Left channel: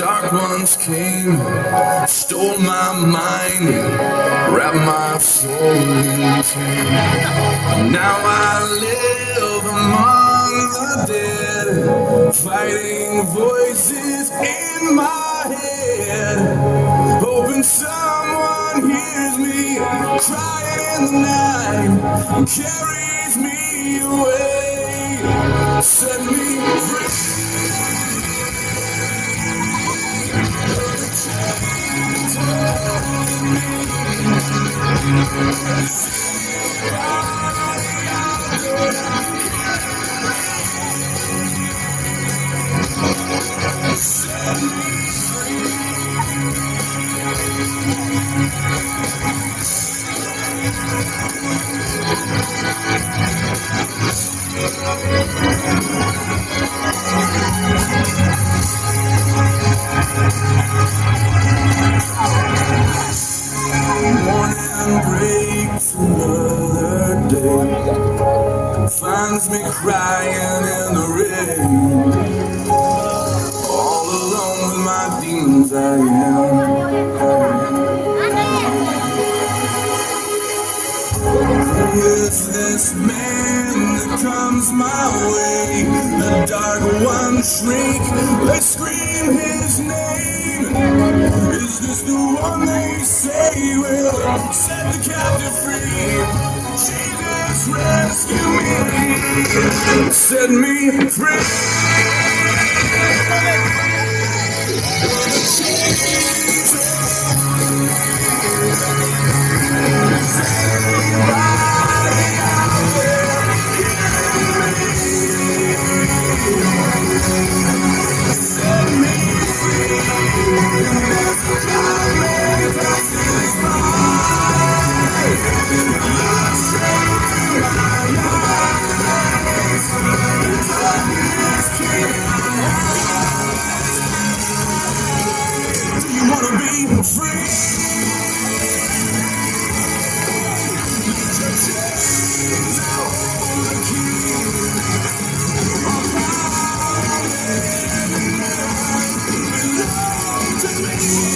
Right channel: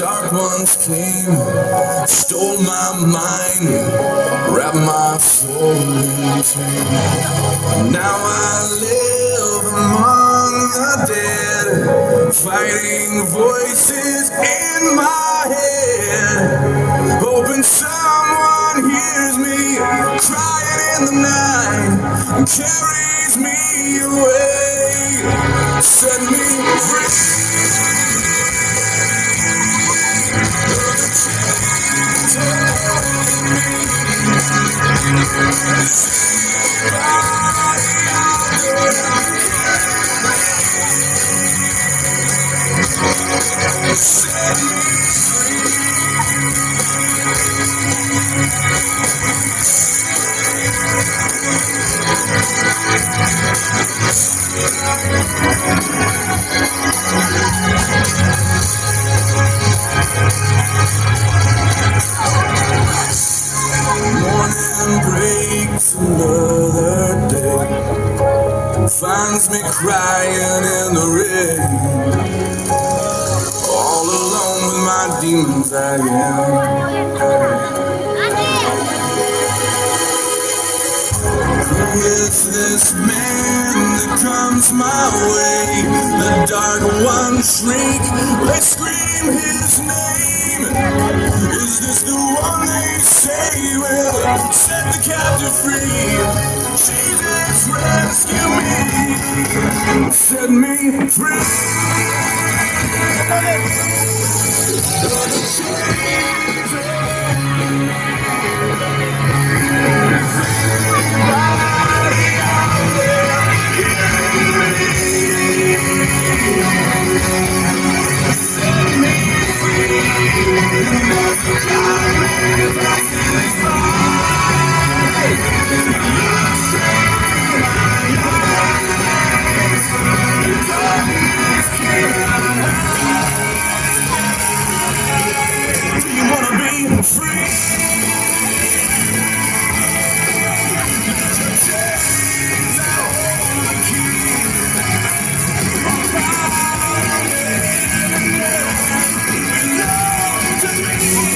dark ones came, stole my mind, wrapped my soul in pain. Now I live among the dead, fighting voices in my head, hoping someone hears me crying in the night and carries me away, set me free. Morning breaks another day, finds me crying in the rain, all alone with my demons I am. Who is this man that comes my way? The dark ones shriek, they scream his name. Is this the one they say will set the captive free? Jesus, rescue me, set me free. Do you want to be free? To me.